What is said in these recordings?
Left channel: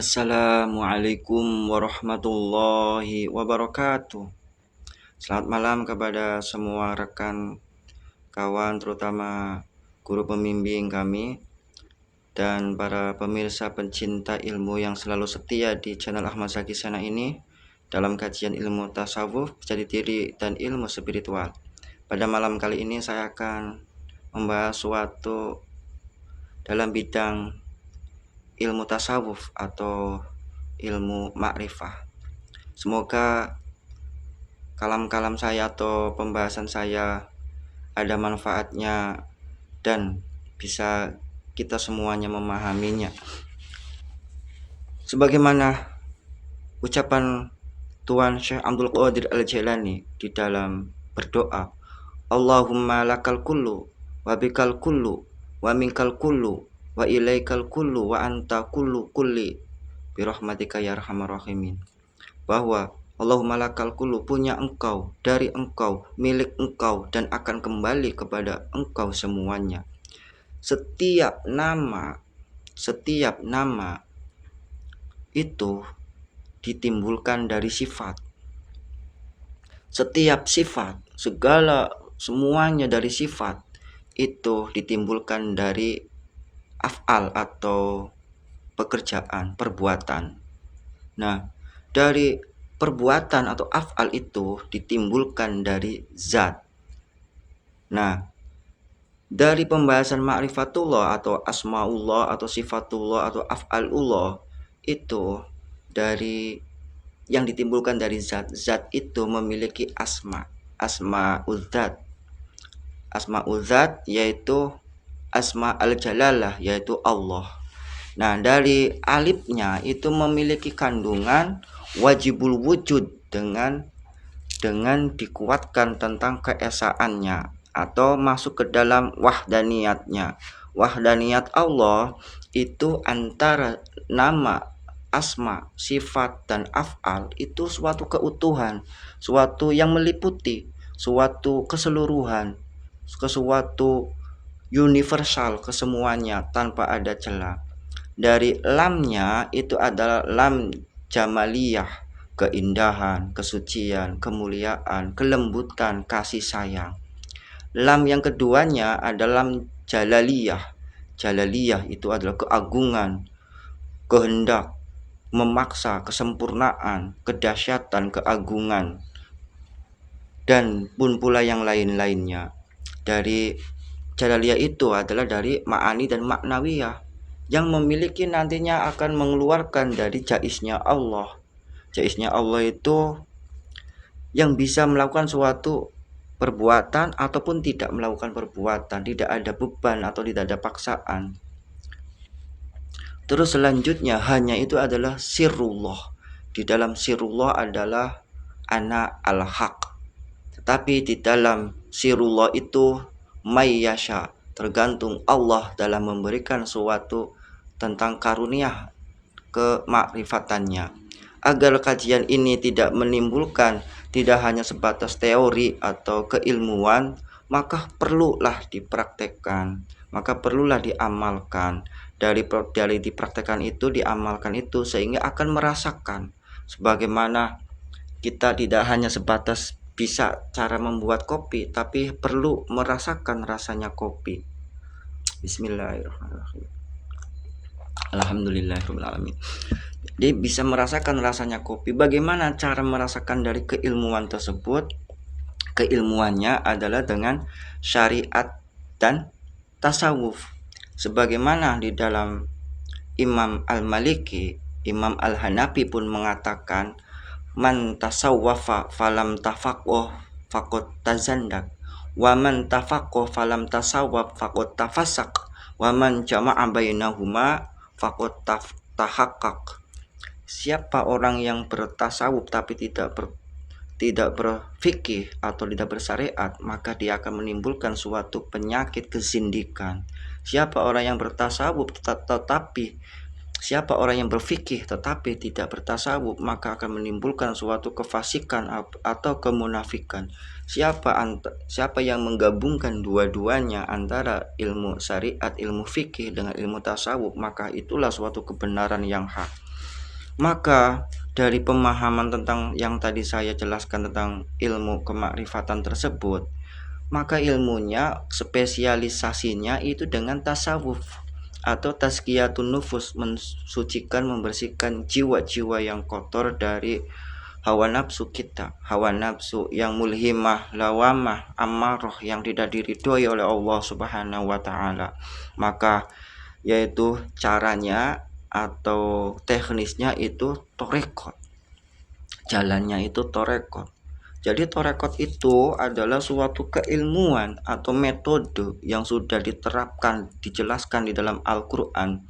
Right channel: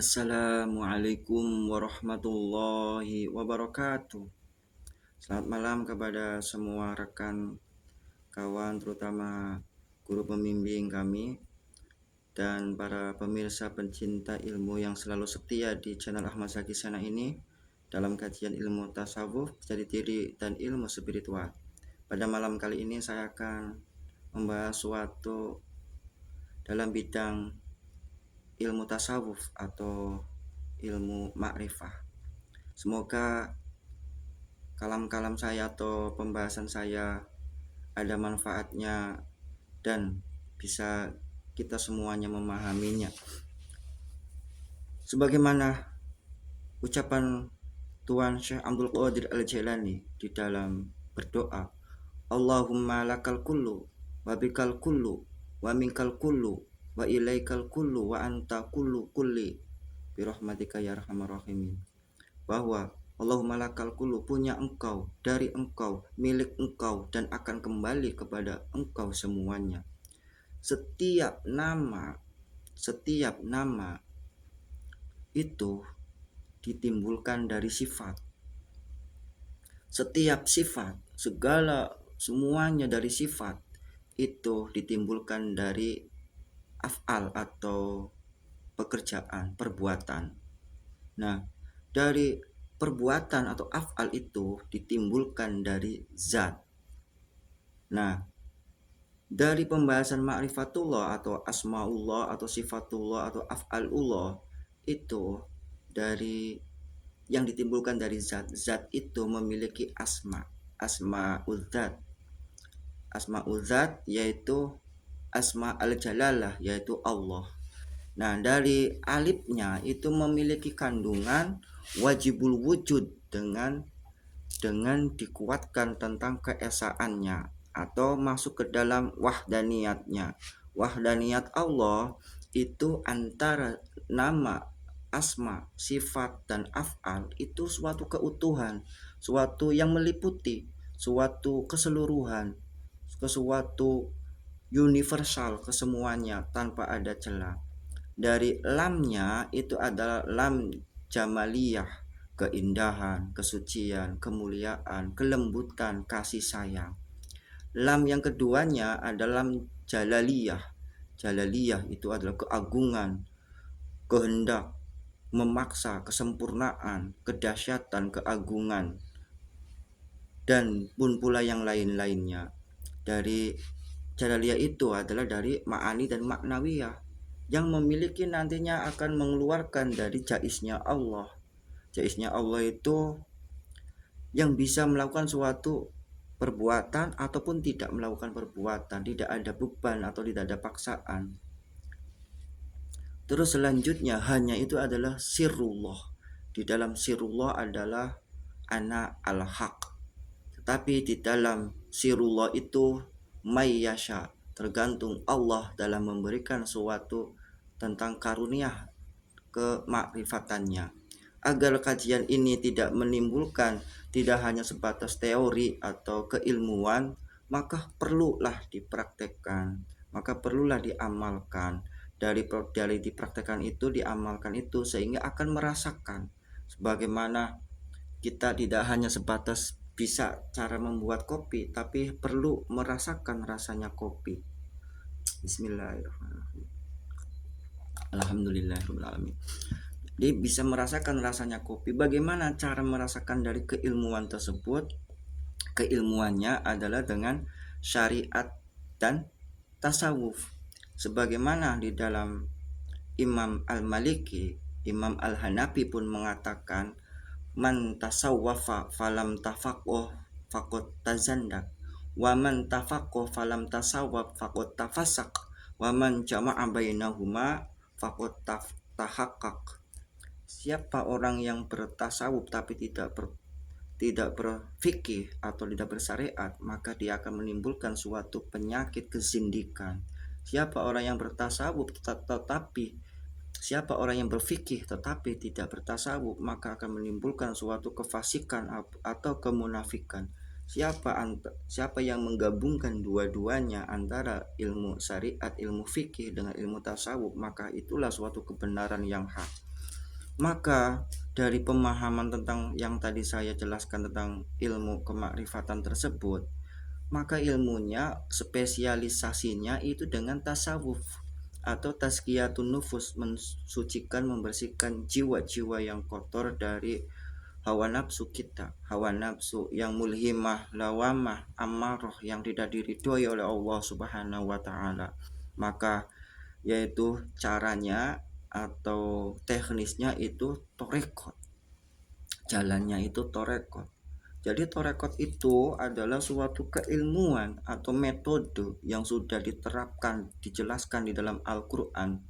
Assalamualaikum warahmatullahi wabarakatuh. Selamat malam kepada semua rekan kawan, terutama guru pembimbing kami dan para pemirsa pencinta ilmu yang selalu setia di channel Ahmad Zaki Sana ini dalam kajian ilmu tasawuf, jati diri dan ilmu spiritual. Pada malam kali ini saya akan membahas suatu dalam bidang ilmu tasawuf atau ilmu makrifah. Semoga kalam-kalam saya atau pembahasan saya ada manfaatnya dan bisa kita semuanya memahaminya. Sebagaimana ucapan Tuan Syekh Abdul Qadir Al-Jailani di dalam berdoa, Allahumma lakal kullu wa bikal kullu wa minkal kullu wa ilaikal kullu wa anta kullu kulli birahmatika ya arhamar rahimin, bahwa Allahumma lakal kullu, punya engkau, dari engkau, milik engkau, dan akan kembali kepada engkau semuanya. Setiap nama itu ditimbulkan dari sifat. Setiap sifat, semuanya dari sifat itu ditimbulkan dari af'al atau pekerjaan, perbuatan. Nah, dari perbuatan atau af'al itu ditimbulkan dari zat. Nah, dari pembahasan ma'rifatullah atau asmaullah atau sifatullah atau af'alullah itu dari yang ditimbulkan dari zat. Zat itu memiliki asma'ul zat yaitu asma al-jalalah yaitu Allah. Nah, dari alifnya itu memiliki kandungan wajibul wujud dengan dikuatkan tentang keesaannya atau masuk ke dalam wahdaniyatnya. Wahdaniyat Allah itu antara nama, asma, sifat, dan af'al itu suatu keutuhan, suatu yang meliputi, suatu keseluruhan, suatu universal kesemuanya tanpa ada celah. Dari lamnya itu adalah lam jamaliyah, keindahan, kesucian, kemuliaan, kelembutan, kasih sayang. Lam yang keduanya adalah lam jalaliyah. Jalaliyah itu adalah keagungan, kehendak, memaksa, kesempurnaan, kedahsyatan, keagungan, dan pun pula yang lain-lainnya. Dari jalaliyah itu adalah dari ma'ani dan maknawiyah yang memiliki nantinya akan mengeluarkan dari jaiznya Allah. Jaiznya Allah itu yang bisa melakukan suatu perbuatan ataupun tidak melakukan perbuatan, tidak ada beban atau tidak ada paksaan. Terus selanjutnya hanya itu adalah sirrullah. Di dalam sirrullah adalah ana al-haq. Tetapi di dalam sirrullah itu mayyasha, tergantung Allah dalam memberikan suatu tentang karunia kemakrifatannya. Agar kajian ini tidak menimbulkan tidak hanya sebatas teori atau keilmuan, maka perlulah dipraktekkan, maka perlulah diamalkan. Dari dipraktekkan itu, diamalkan itu, sehingga akan merasakan sebagaimana kita tidak hanya sebatas bisa cara membuat kopi, tapi perlu merasakan rasanya kopi. Bismillahirrahmanirrahim. Alhamdulillahirabbil alamin. Dia bisa merasakan rasanya kopi. Bagaimana cara merasakan dari keilmuan tersebut? Keilmuannya adalah dengan syariat dan tasawuf. Sebagaimana di dalam Imam Al-Maliki, Imam Al-Hanafi pun mengatakan, man tasawwafa falam tafaqquh faqad tazandak, wa man tafaqquh falam tasawwaf faqad tafasaq, wa man jama'a bainahuma faqad tahaqqaq. Siapa orang yang bertasawuf tapi tidak berfikih atau tidak bersyariat, maka dia akan menimbulkan suatu penyakit kezindikan. Siapa orang yang bertasawuf siapa orang yang berfikih tetapi tidak bertasawuf, maka akan menimbulkan suatu kefasikan atau kemunafikan. Siapa yang menggabungkan dua-duanya antara ilmu syariat, ilmu fikih dengan ilmu tasawuf, maka itulah suatu kebenaran yang hak. Maka dari pemahaman tentang yang tadi saya jelaskan tentang ilmu kemakrifatan tersebut, maka ilmunya spesialisasinya itu dengan tasawuf atau tazkiyatun nufus, mensucikan, membersihkan jiwa-jiwa yang kotor dari hawa nafsu kita, hawa nafsu yang mulhimah, lawamah, amarah yang tidak diridhoi oleh Allah Subhanahu wa taala. Maka yaitu caranya atau teknisnya itu torekot, jalannya itu torekot. Jadi torekot itu adalah suatu keilmuan atau metode yang sudah diterapkan, dijelaskan di dalam Al-Quran,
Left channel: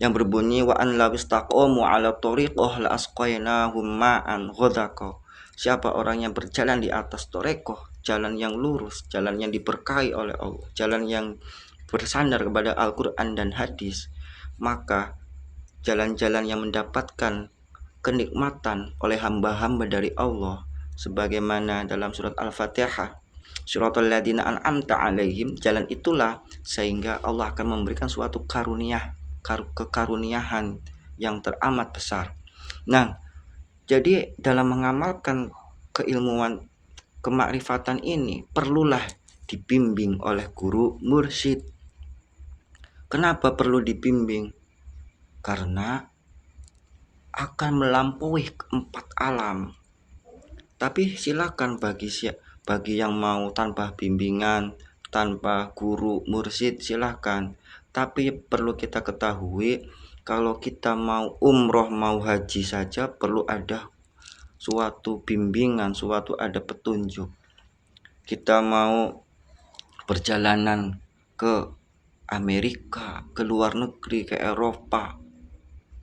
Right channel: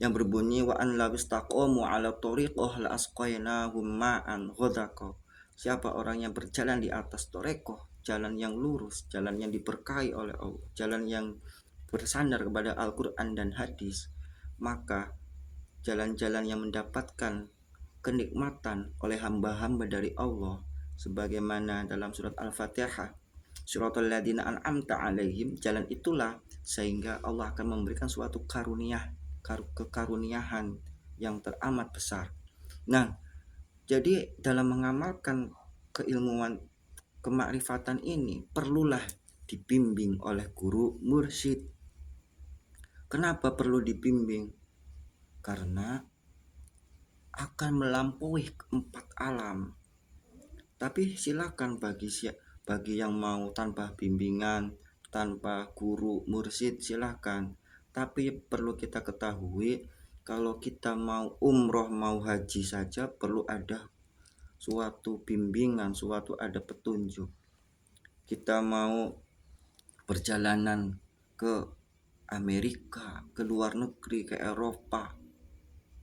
yang berbunyi wa an la istaqamu ala tariqah la asqainahum ma'an ghadaqah. Siapa orang yang berjalan di atas torekoh, jalan yang lurus, jalan yang diberkahi oleh Allah, jalan yang bersandar kepada Al-Quran dan hadis, maka jalan-jalan yang mendapatkan kenikmatan oleh hamba-hamba dari Allah, sebagaimana dalam surat Al-Fatihah, suratul ladzina an'amta alaihim, jalan itulah sehingga Allah akan memberikan suatu karunia, kekaruniaan yang teramat besar. Nah, jadi dalam mengamalkan keilmuan kemakrifatan ini perlulah dibimbing oleh guru mursyid. Kenapa perlu dibimbing? Karena akan melampaui 4 alam. Tapi silakan bagi yang mau tanpa bimbingan, tanpa guru mursyid, silakan. Tapi perlu kita ketahui, kalau kita mau umroh, mau haji saja perlu ada suatu bimbingan, suatu ada petunjuk. Kita mau perjalanan ke Amerika, ke luar negeri, ke Eropa,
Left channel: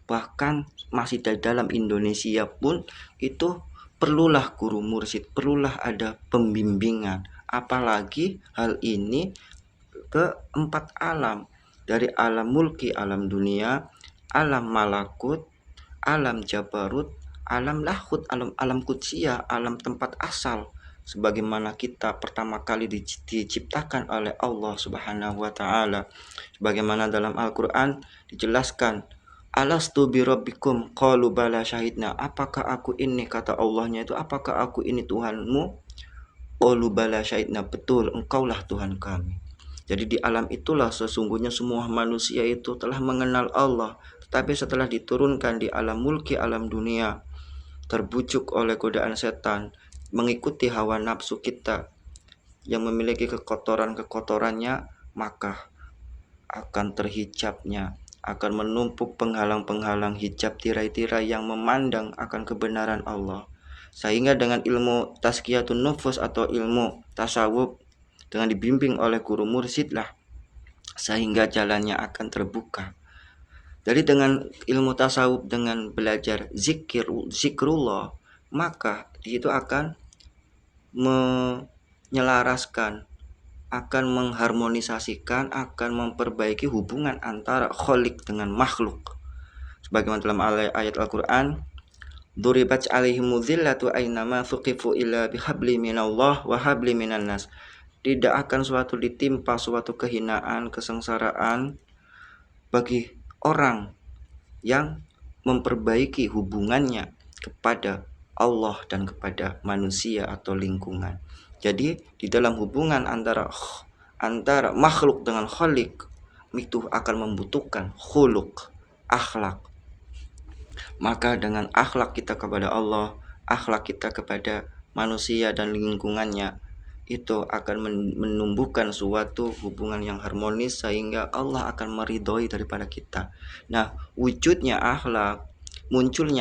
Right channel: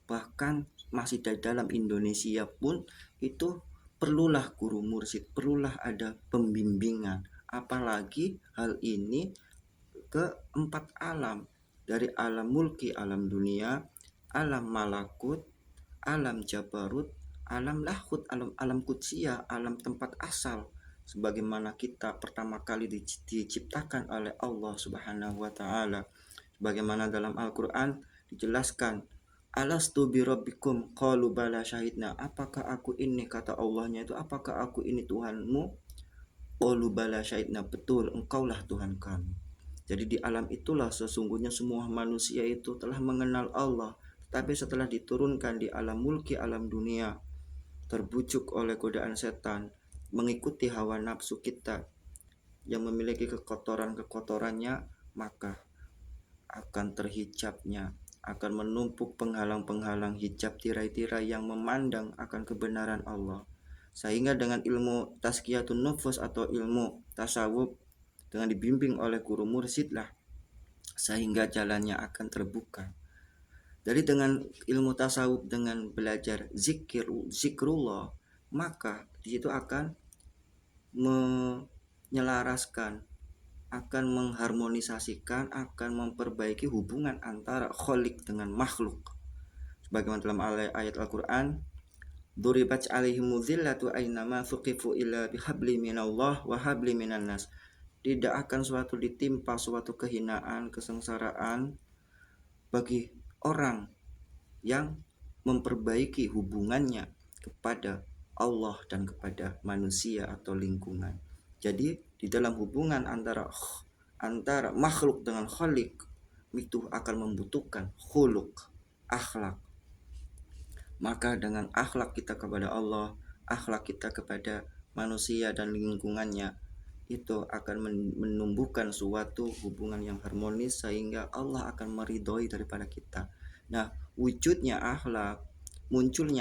bahkan masih di dalam Indonesia pun itu perlulah guru mursyid, perlulah ada pembimbingan. Apalagi hal ini ke 4 alam, dari alam mulki, alam dunia, alam malakut, alam jabarut, alam lahut, alam kudsiyah, alam tempat asal, sebagaimana kita pertama kali diciptakan oleh Allah Subhanahu wa taala. Sebagaimana dalam Al-Qur'an dijelaskan, alastu birabbikum qalu bala syahidna, apakah aku ini, kata Allahnya itu, apakah aku ini Tuhanmu? Qalu bala syahidna, betul engkaulah Tuhan kami. Jadi di alam itulah sesungguhnya semua manusia itu telah mengenal Allah. Tapi setelah diturunkan di alam mulki, alam dunia, terbujuk oleh godaan setan, mengikuti hawa nafsu kita yang memiliki kekotoran-kekotorannya, maka akan terhijabnya, akan menumpuk penghalang-penghalang hijab, tirai-tirai yang memandang akan kebenaran Allah. Sehingga dengan ilmu tazkiyatun nufus atau ilmu tasawuf, dengan dibimbing oleh guru mursyid lah, sehingga jalannya akan terbuka. Jadi dengan ilmu tasawuf, dengan belajar zikrullah, maka di situ akan menyelaraskan, akan mengharmonisasikan, akan memperbaiki hubungan antara kholik dengan makhluk. Sebagaimana dalam ayat Al-Quran, duribat alaihimu dhillatu aynama thuqifu illa bihabli minallah wa habli minan nas. Tidak akan suatu ditimpa suatu kehinaan, kesengsaraan bagi orang yang memperbaiki hubungannya kepada Allah dan kepada manusia atau lingkungan. Jadi di dalam hubungan antara makhluk dengan khalik itu akan membutuhkan khuluk, akhlak. Maka dengan akhlak kita kepada Allah, akhlak kita kepada manusia dan lingkungannya, itu akan menumbuhkan suatu hubungan yang harmonis sehingga Allah akan meridhoi daripada kita. Nah, munculnya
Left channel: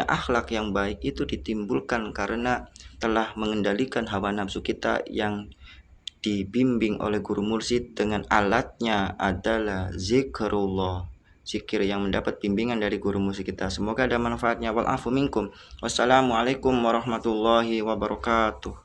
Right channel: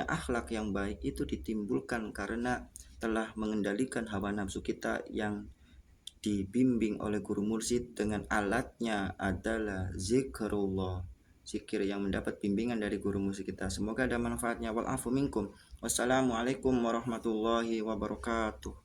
akhlak yang baik itu ditimbulkan karena telah mengendalikan hawa nafsu kita yang dibimbing oleh guru mursyid, dengan alatnya adalah zikrullah, zikir yang mendapat bimbingan dari guru mursyid kita. Semoga ada manfaatnya. Wal afu minkum. Wassalamualaikum warahmatullahi wabarakatuh.